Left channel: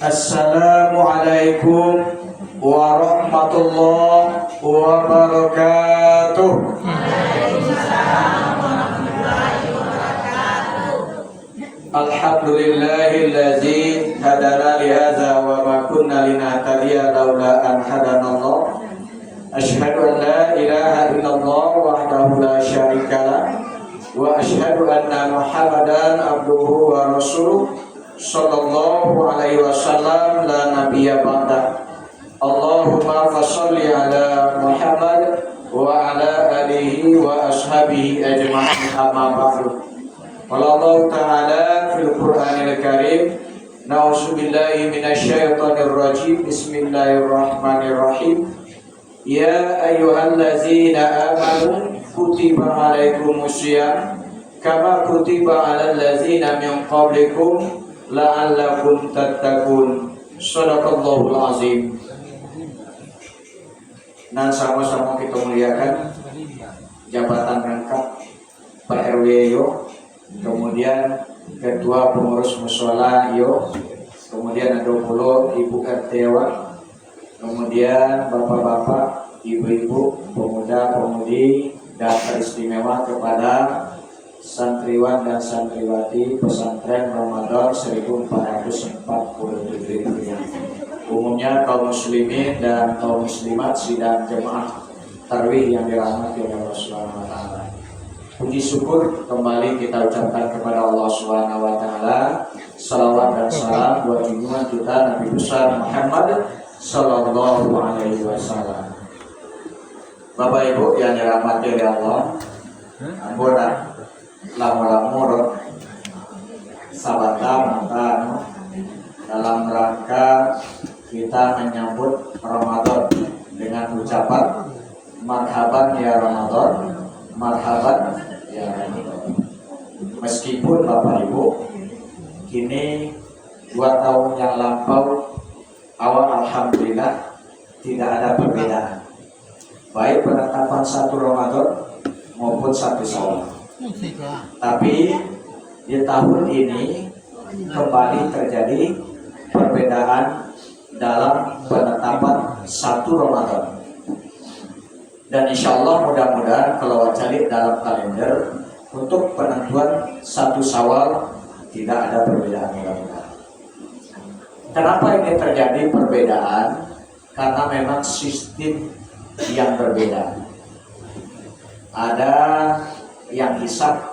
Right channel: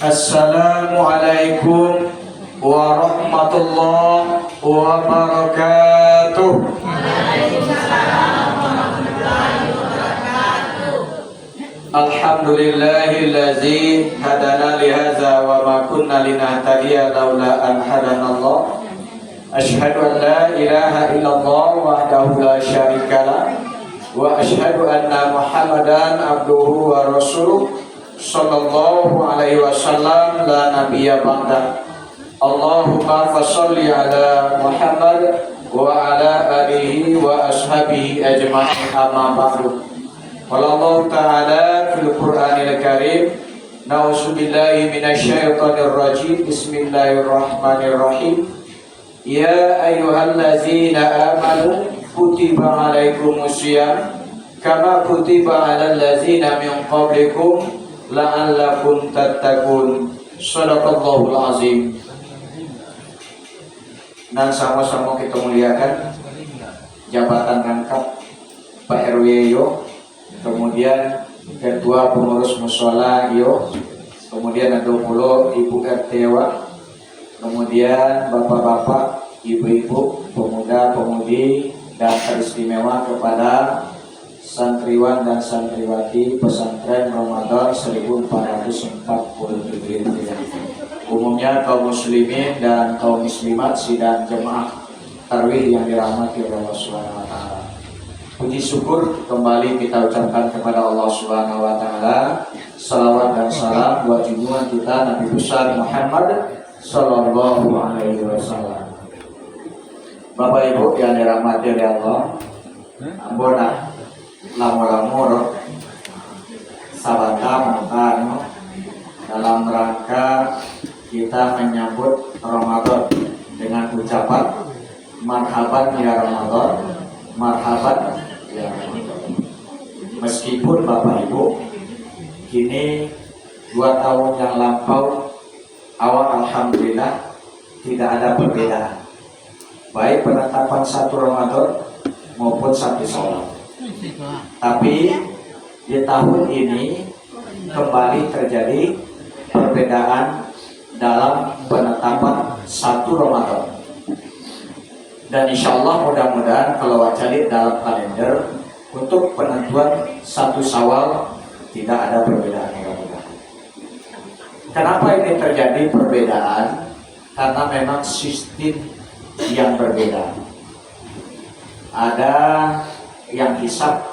Assalamualaikum warahmatullahi wabarakatuh. Alhamdulillahillazi hadana lihadza wa ma kunna linahtadiya laula an hadanallah. Asyhadu an la ilaha illallah wahdahu la syarikalah wa asyhadu anna Muhammadan abduhu wa rasuluh sallallahu alaihi wasallam la nabiyya ba'da. Allahumma fasholli ala Muhammad wa ala alihi wa ashabihi ajma'in amma ba'du. Qala Allah ta'ala fil Qur'anil Karim, na'udzubillahi minasyaitonir rajim. Bismillahirrahmanirrahim. Ya ayyuhallazina amanu kutiba alaikumusiyam kama kutiba alal ladzina min qablikum la'allakum tattaqun. Shadaqallahul azim. Dan sama-sama kita muliakan jabatan rangkap Pak RW yo, kemudian ketua pengurus mushola yo, kemudian ada pula ibu RT wa, kemudian bapak-bapak, ibu-ibu, pemuda-pemudi, dan teristimewa kepada santriwan dan santriwati pesantren Ramadan 1447 Hijriah. Umumnya kaum muslimin dan kaum muslimat sidang jemaah tarawih yang dirahmati oleh Allah Subhanahu wa taala. Puji syukur kembali kita ucapkan kepada Allah Subhanahu wa taala. Salawat dan salam buat junjungan kita Nabi besar Muhammad sallallahu alaihi wasallam. Bapak Ibu yang dirahmati oleh Allah, ampun lamur-lamur sabata mongkan dalam rangka kita menyambut Ramadan dengan ucapan marhaban ya Ramadan, marhaban ya Ramadan. Meskipun Bapak Ibu kini 2 tahun yang lampau awal alhamdulillah tidak ada perbedaan, baik penetapan 1 Ramadan maupun 1 Syawal. Tapi di tahun ini kembali terjadi perbedaan dalam penetapan 1 Ramadan. Dan insya Allah mudah-mudahan kalau wajib dalam kalender untuk penentuan 1 Syawal tidak ada perbedaan mudah-mudahan. Kenapa ini terjadi perbedaan? Karena memang sistem yang berbeda. Ada yang hisab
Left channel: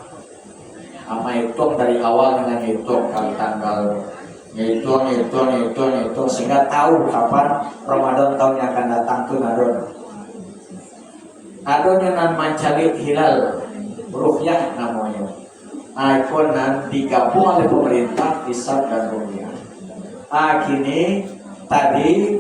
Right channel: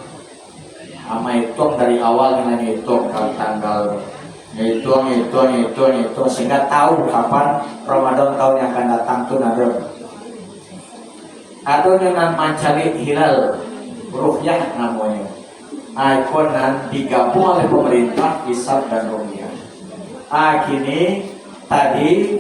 sama hitung dari awal dengan hitung kalau tanggal hitung sehingga tahu kapan Ramadan tahun yang akan datang tuh nadon. Ada yang mencari hilal ruhyah namanya. Ikon dan digabung oleh pemerintah hisab dan ruhyah. Kini tadi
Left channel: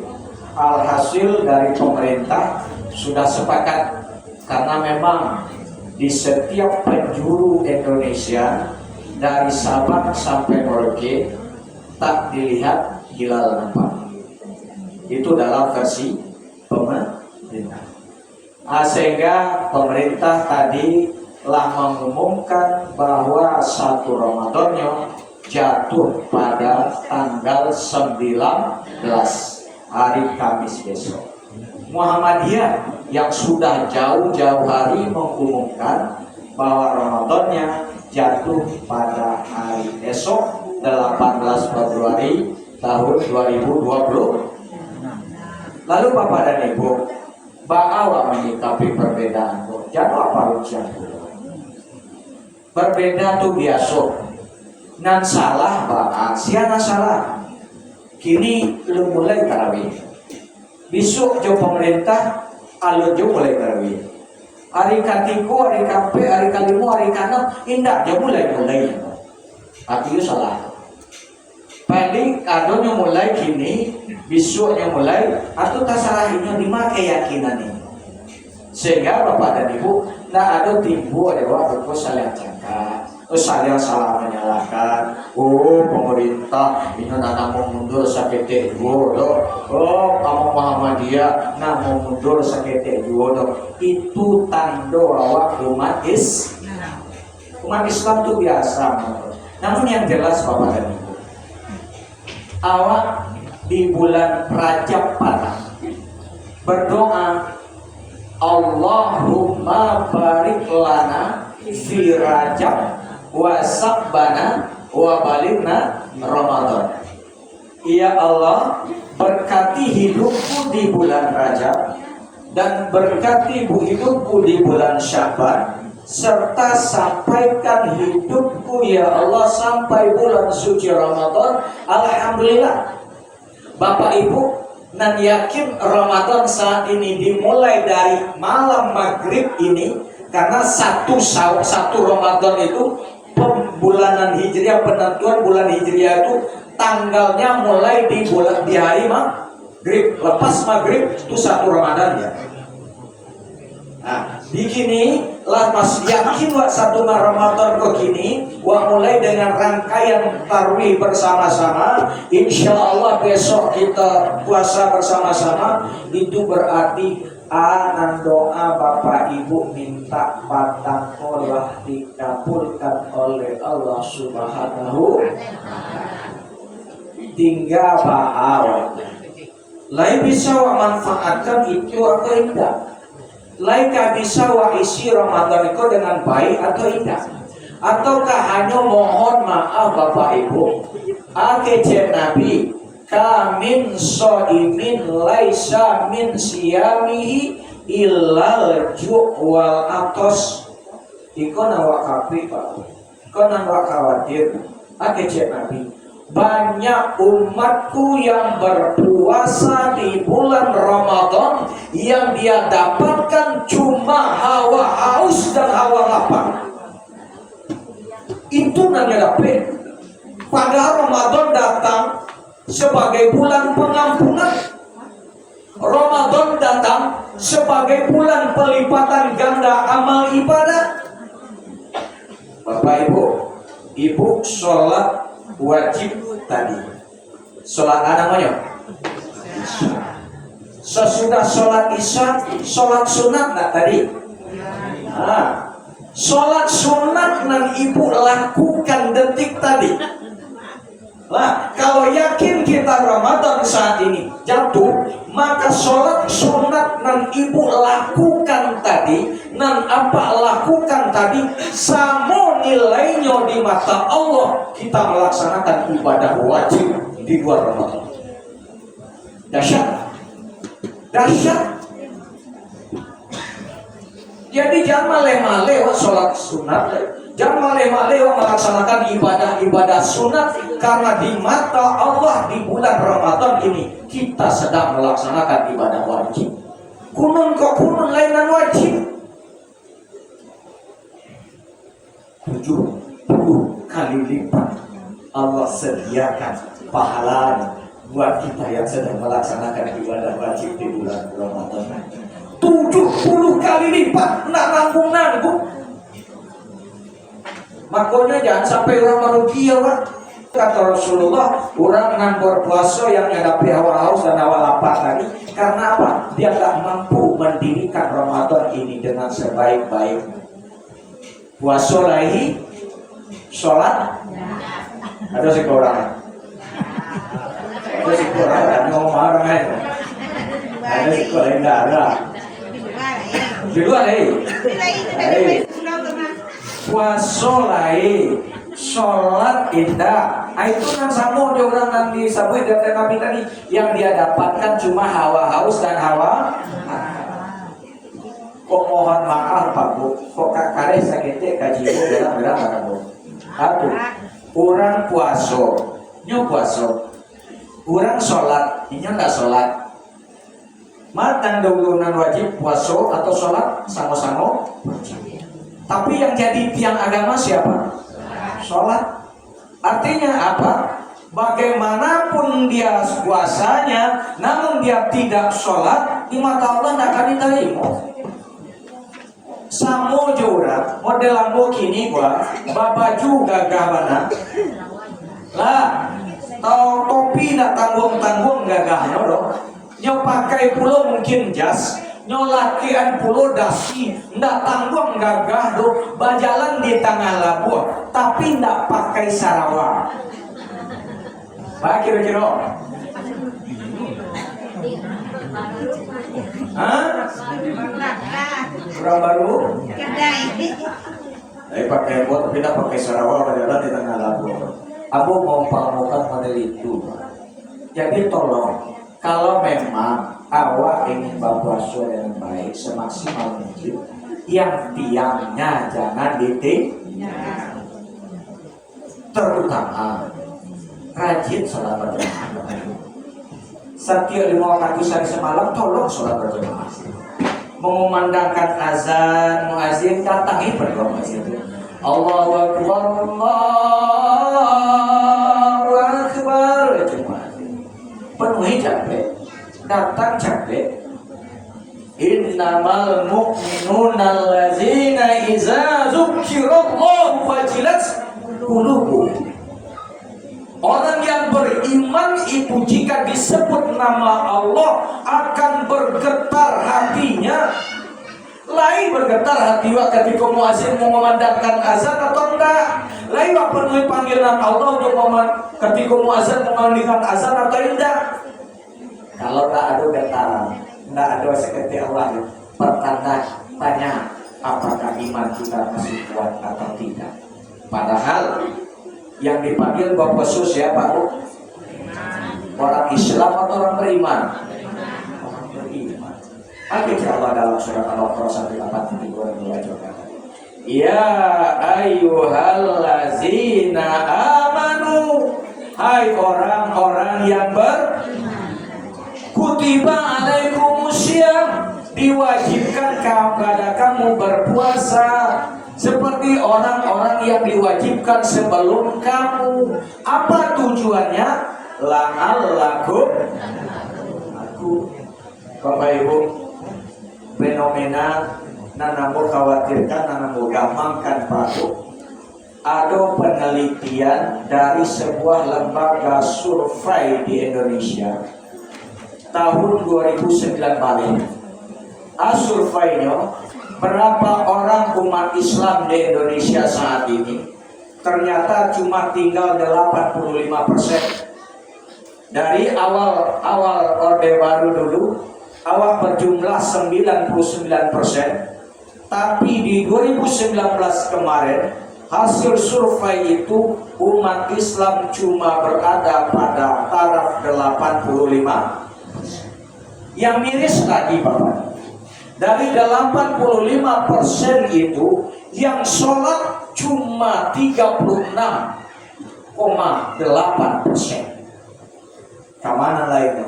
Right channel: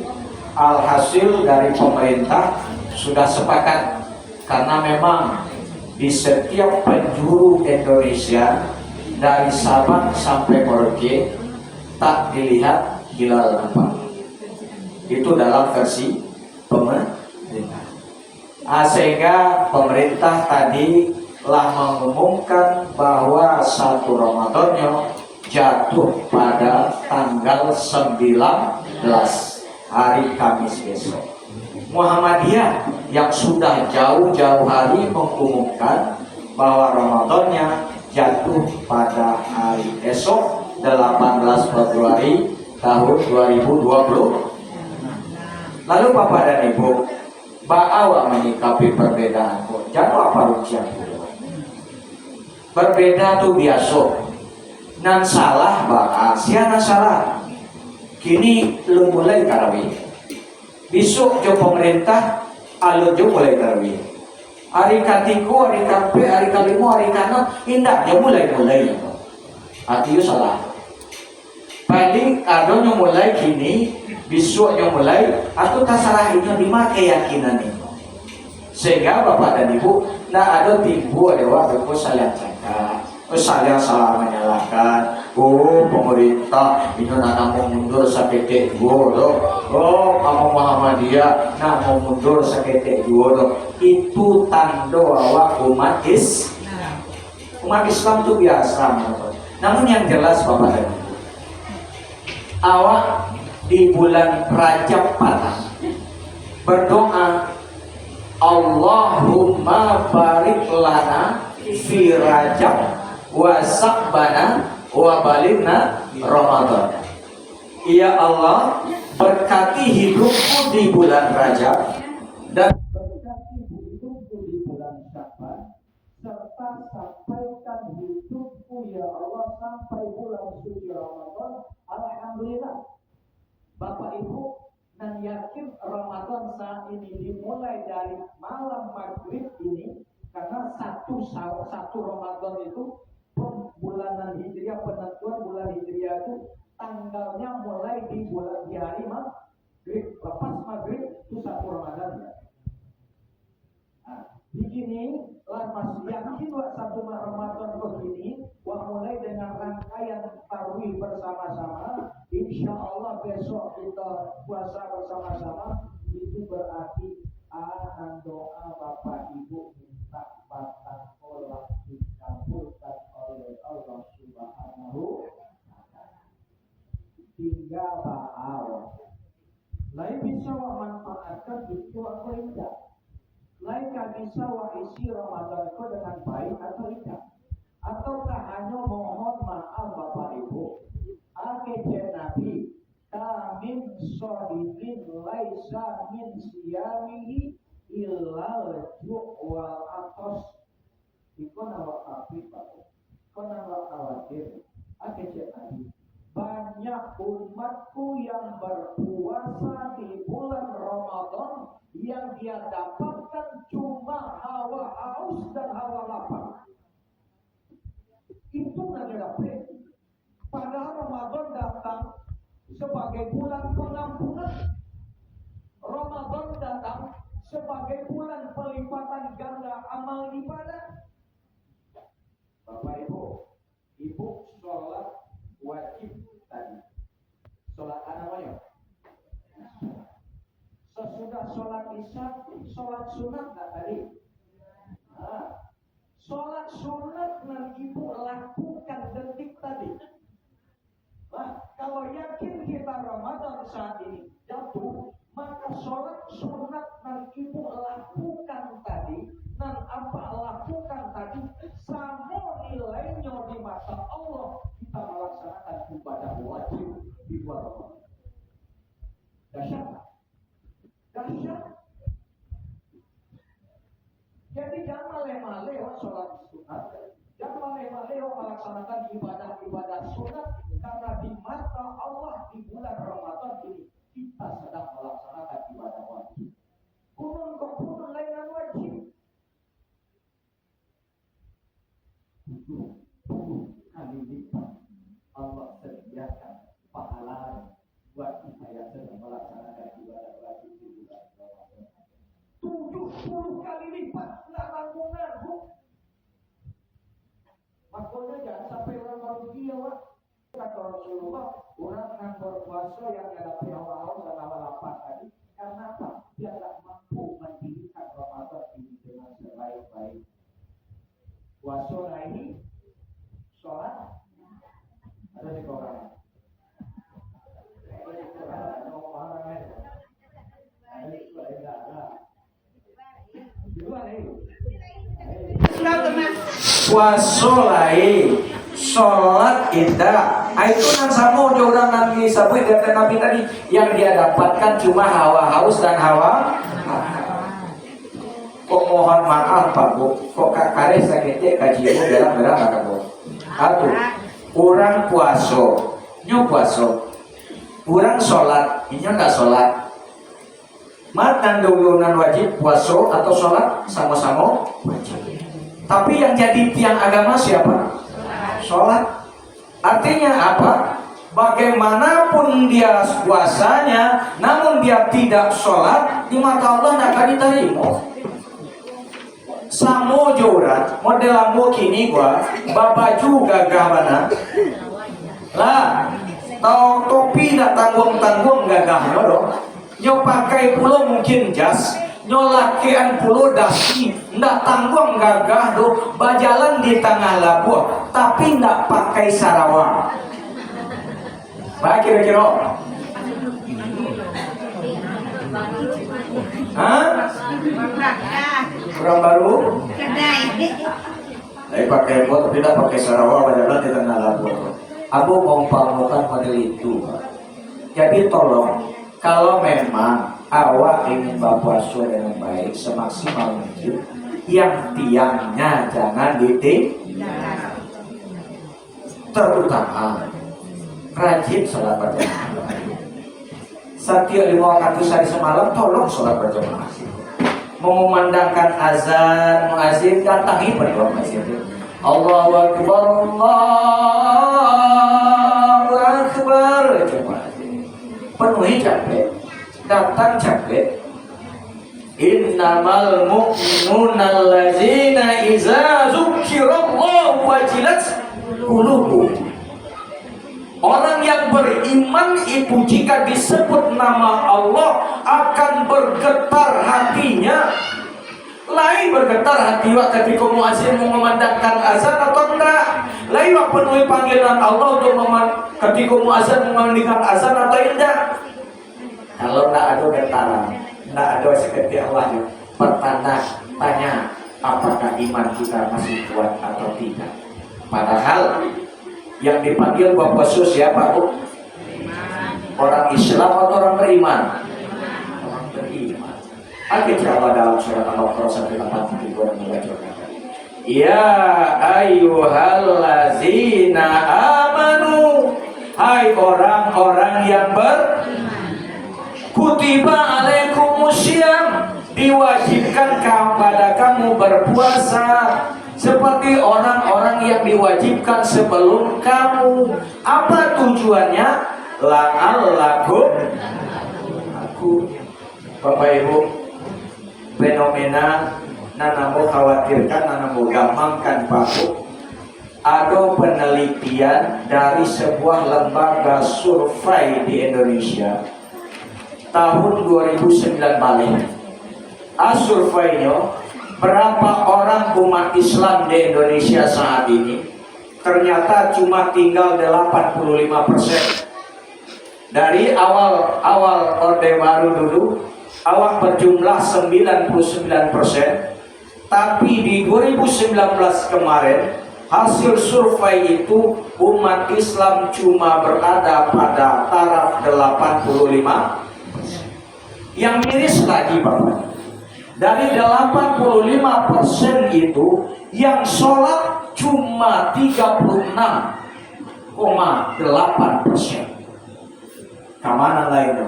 alhasil dari pemerintah sudah sepakat karena memang di setiap penjuru Indonesia dari Sabang sampai Merauke tak dilihat hilal nampak. Itu dalam versi pemerintah. Sehingga pemerintah tadi telah mengumumkan bahwa 1 Ramadannya jatuh pada tanggal 19 hari Kamis besok. Muhammadiyah yang sudah jauh-jauh hari mengumumkan bahwa Ramadannya jatuh pada hari esok 18 Februari tahun 2020. Lalu Bapak dan Ibu, bagaimana menyikapi perbedaan? Jangan apa rupiah. Berbeda tuh biasa. Nan salah bakal siapa salah. Kini lu mulai tarawih. Besok jo pemerintah alur jo mulai tarawih. Hari ketiga, hari kape, hari kelima, hari keenam indah jo mulai. Itu salah. Paling kadonya mulai kini, besoknya mulai, atau tasarahinya lima keyakinan ini. Sehingga Bapak dan Ibu, tidak ada timbul ada waktu saling cakap, saling salah menyalahkan. Pemerintah ini nak mau mundur sakit dua. Kamu Muhammadiyah nak mau mundur sakit dua. Itu tanda awak umat Islam. Umat Islam itu biasa. Namun yang jelas Bapak dan Ibu, awak di bulan Rajab Padang berdoa, Allahumma barik lana fi Rajab wa Sa'bana wa balighna Ramadan. Ya Allah, berkati hidupku di bulan Rajab dan berkati hidupku di bulan Sya'ban, serta sampaikan hidupku ya Allah sampai bulan suci Ramadan. Alhamdulillah, Bapak Ibu, nan yakin Ramadan saat ini dimulai dari malam maghrib ini, karena satu Ramadan itu pembulanan Hijriah, penentuan bulan Hijriah itu tanggalnya mulai di hari maghrib, lepas maghrib itu satu Ramadan ya. Nah, begini lah mas yakin wak satu Ramadan kok gini, wak mulai dengan rangkaian tarawih bersama-sama. Insya Allah besok kita puasa bersama-sama. Itu berarti anan doa Bapak Ibu minta patang olah dikabulkan oleh Allah Subhanahu. Tinggal bahwa lain bisa wa manfaatkan itu atau tidak, lain bisa wa isi Ramadan itu dengan baik atau tidak, ataukah hanya mohon maaf Bapak Ibu akece Nabi kamin so'imin laisa min siyamihi illal ju' wal atos. Iko nawa kapi Pak, iko nawa khawatir akece Nabi, banyak umatku yang berpuasa di bulan Ramadan yang dia dapatkan cuma hawa haus dan hawa lapar. Itu namanya dapet. Padahal Ramadan datang sebagai bulan pengampunan. Ramadan datang sebagai bulan pelipatan ganda amal ibadah. Bapak Ibu sholat wajib tadi, sholat namanya sesudah sholat isya, sholat sunat nggak tadi? Nah, sholat sunat nan ibu lakukan detik tadi. Nah, kalau yakin kita Ramadan saat ini jatuh, maka sholat sunat nan ibu lakukan tadi, nan apa lakukan tadi, sama nilainya di mata Allah kita melaksanakan ibadah wajib di luar Ramadan. Dahsyat, dahsyat. Jadi jangan maleh-maleh sholat sunat, jangan maleh-maleh melaksanakan ibadah-ibadah sunat, karena di mata Allah di bulan Ramadan ini kita sedang melaksanakan ibadah wajib. Kunun kok kunun lainan wajib. 70 kali lipat Allah sediakan pahala buat kita yang sedang melaksanakan ibadah wajib di bulan Ramadan. 70 kali lipat, nak nanggung-nanggung. Makanya jangan sampai orang merugi ya Pak. Kata Rasulullah, orang yang berpuasa yang menghadapi hawa haus dan hawa lapar tadi, karena apa? Dia tak mampu mendirikan Ramadan ini dengan sebaik-baiknya. Puasa lagi, sholat, ada sih orang, ada sih orang ngomong orang itu, ada sih orang enggak ada. Di luar puasa lagi, sholat indah. Itu yang sama orang Nabi sabut dari Nabi tadi, yang dia dapatkan cuma hawa haus dan hawa. Kok mohon maaf Pak Bu, kok kakare sakitnya kajimu berang-berang kata Bu. Aku, orang puasa, nyo puasa, orang sholat, ini nggak sholat. Matan dahulunan wajib puasa atau sholat sama-sama wajib. Tapi yang jadi tiang agama siapa? Sholat. Artinya apa? Bagaimanapun dia puasanya, namun dia tidak sholat, di mata Allah tidak akan diterima. Samo jorat model ambo kini gua babaju gagah mana lah, tau topi nak tanggung gagah dong. Nyo pakai pulo mungkin jas, nyo lakian pulo dasi, ndak tanggung gagah do, bajalan di tengah labuh, tapi ndak pakai sarawak. Baik kira-kira. Hah? Orang baru? Pakai bot, tidak pakai Sarawak, padahal di tengah labor. Aku mau pamukan model itu. Jadi tolong, kalau memang awak ingin berpuasa dengan baik semaksimal mungkin, yang tiangnya jangan ditinggal. Terutama rajin sholat berjamaah. Setiap 5 waktu sehari semalam tolong sholat berjamaah. Mengumandangkan azan muazin, datangi berdoa masjid. Allahu Akbar, Allahu Akbar. Penuhi capek, datang capek. Innamal mu'minuna allazina iza dzukirallahu wajilat qulubuhum. Orang yang beriman itu jika disebut nama Allah akan bergetar hatinya. Lain bergetar hati ketika muazin mengumandangkan azan atau enggak. Lain penuhi panggilan Allah untuk ketika muazin mengumandangkan azan atau tidak. Kalau enggak ada getaran, enggak ada seketika Allah, pertanda tanya apakah iman kita masih kuat atau tidak. Padahal yang dipanggil Bapak Sus siapa? Orang Islam atau orang beriman? Orang beriman. Akhirnya Allah dalam surat Al-Baqarah 183 membacakan, ya ayyuhallazina amanu, hai orang-orang yang beriman, kutiba alaikumusiyam, diwajibkan kepada kamu berpuasa seperti orang-orang yang diwajibkan sebelum kamu. Apa tujuannya? La'allakum aku. Bapak Ibu, fenomena nanamu khawatirkan, nanamu gampangkan Pak. Ada penelitian dari sebuah lembaga survei di Indonesia tahun 2009 balik. Surveinya berapa orang umat Islam di Indonesia saat ini? Ternyata cuma tinggal 85%. Dari awal Orde Baru dulu, awak berjumlah 99%. Tapi di 2019 kemarin, hasil survei itu umat Islam cuma berada pada taraf 85. Yang miris lagi Bapak, dari 85% itu yang sholat cuma 36,8%. Kemana lainnya?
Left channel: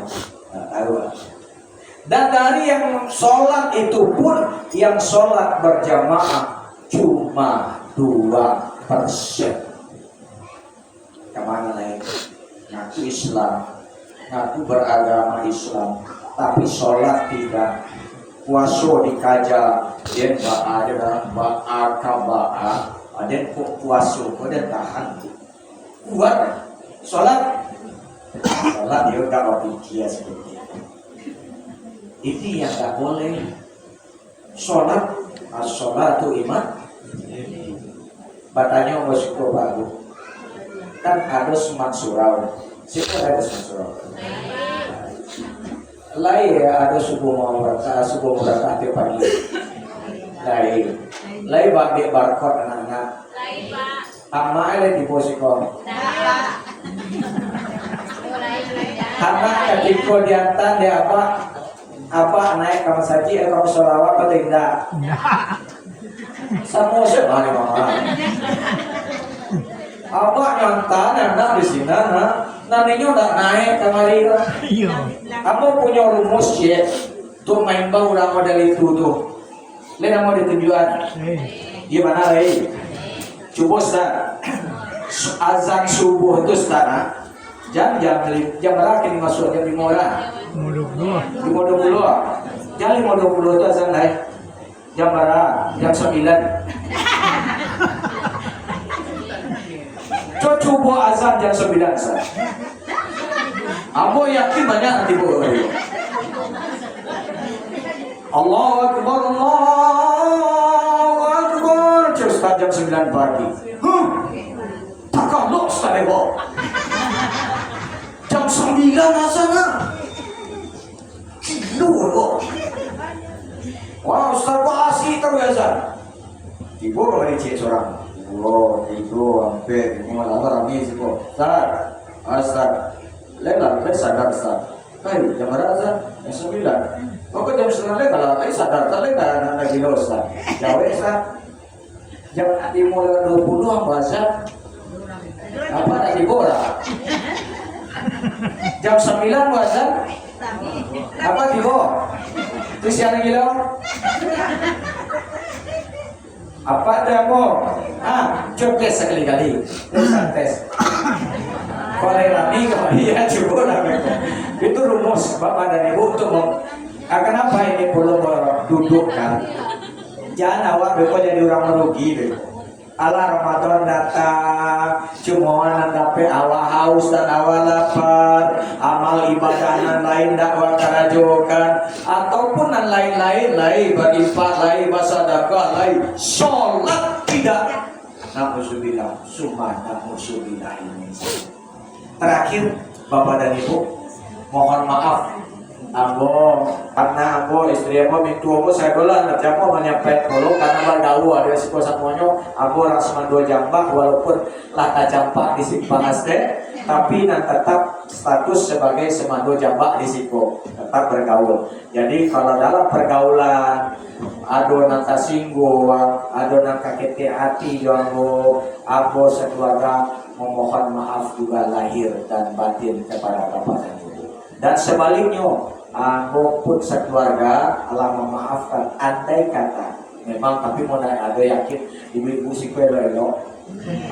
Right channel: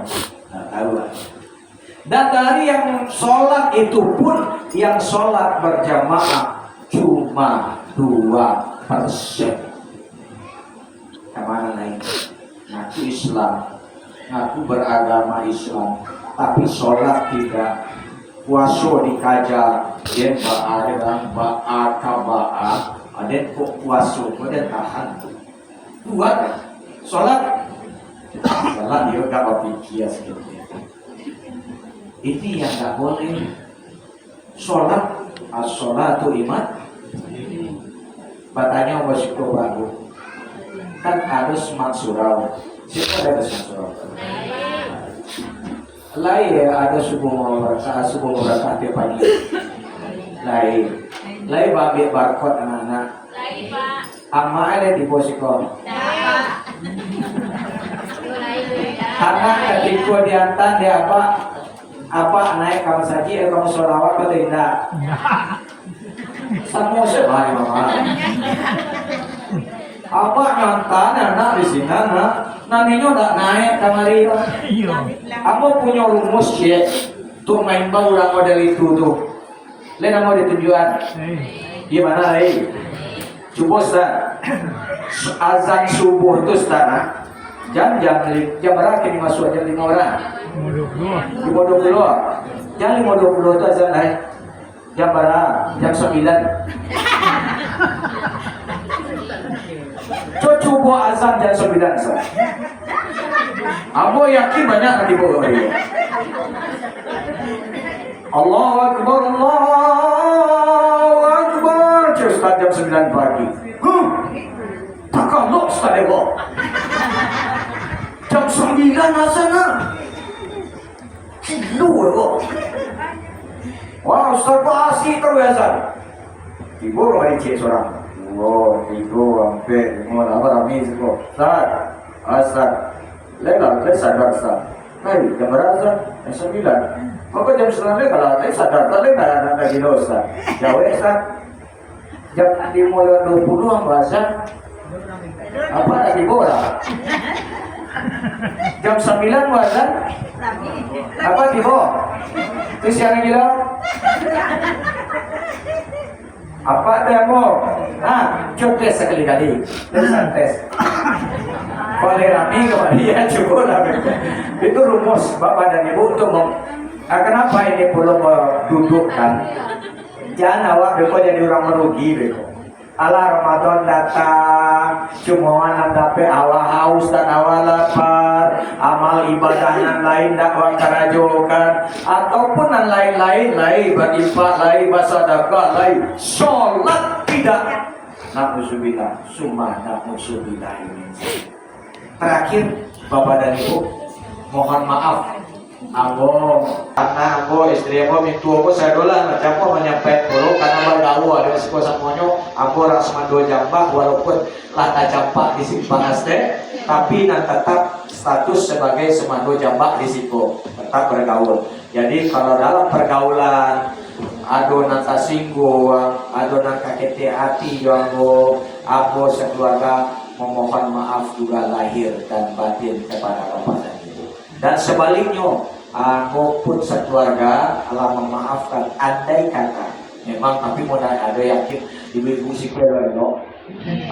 Dan dari yang sholat itu pun yang sholat berjamaah cuma 2%. Kemana lainnya? Ngaku Islam, ngaku beragama Islam, tapi sholat tidak. Puasa dikaja, dan ba'a, dan kok puasa, dan tahan. Buat sholat dia gak berpikir seperti itu. Itu yang gak boleh. Sholat, as-sholatu iman. Batanya wasyukur baru. Kan ada semak surau. Siapa ada semak surau? Lain ya, ada subuh mereka tiap pagi. Lain babi barcode anak-anak. Amma ada di posikon. Anak ketika diantar dia apa naik kamu saji kamu solawat atau tidak? Semua sebalik mama. Apa ngantar anak di sini nantinya udah naik kamari. Kamu punya rumus ya, tuh main bau lah model itu tuh. Lihat mau ditunjukkan. Gimana lagi? Coba Ustaz, azan subuh itu Ustaz, jam berapa ini masuk jam 5 orang? 5.20. Jam 5.20 itu azan naik. Jam berapa? Jam 9. Coba azan jam 9 Ustaz. Aku yakin banyak nanti bohong. Allahu Akbar, Allahu Akbar. Terus jam 9 pagi. Tak kalau Ustaz Debo. Jam 9 azan. Kilo kok. Wah Ustaz kok asik terbiasa. Ibu roh cek seorang. Oh, itu hampir mau apa rami itu. Ustaz, legal ke sadar Ustaz. Hai, jam berapa? Jam 9. Apa jam 9 legal? Hai sadar tak legal nak gila Ustaz. Jauh Ustaz. Jam dimulai 20 bahasa. Apa nak dibola? Jam 9 bahasa. Apa dibola? Terus yang gila? Apa tu yang mau? Coba tes sekali-kali. Tes. Kalau rami kemudian cukup lah. Itu rumus Bapak dan Ibu untuk kenapa ini perlu dudukkan? Jangan awak beko jadi orang merugi beko. Allah Ramadan datang, cuma nandape awak haus dan awak lapar, amal ibadah nan lain dakwah karajokan, ataupun nan lain-lain, berinfak, bersedekah, sholat tidak. Na'udzubillah, summa na'udzubillah ini. Terakhir, Bapak dan Ibu, mohon maaf. Karena istri aku mintu aku saya dolan macam aku menyepet dulu karena bergaul ada resiko semuanya aku orang sama 2 jambak walaupun lata jampak di panas deh tapi dan tetap status sebagai semando jambak di situ tetap bergaul. Jadi kalau dalam pergaulan adonan tersinggung, adonan kakek hati yang aku sekeluarga memohon maaf juga lahir dan batin kepada Bapak dan Ibu. Dan sebaliknya maupun sekeluarga Allah memaafkan andai kata memang tapi mau ada yakin ibu-ibu si lelo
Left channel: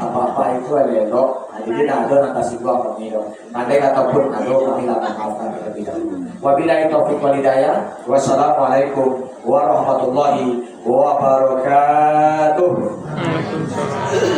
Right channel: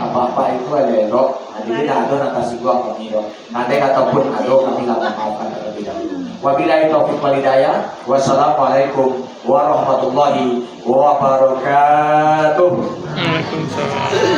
apa-apa itu lelo jadi ada nasi gua kami do andai kata pun ada kami lah memaafkan terlebih dahulu. Wabillahi taufiq wal hidayah. Wassalamualaikum warahmatullahi wabarakatuh. Waalaikumsalam.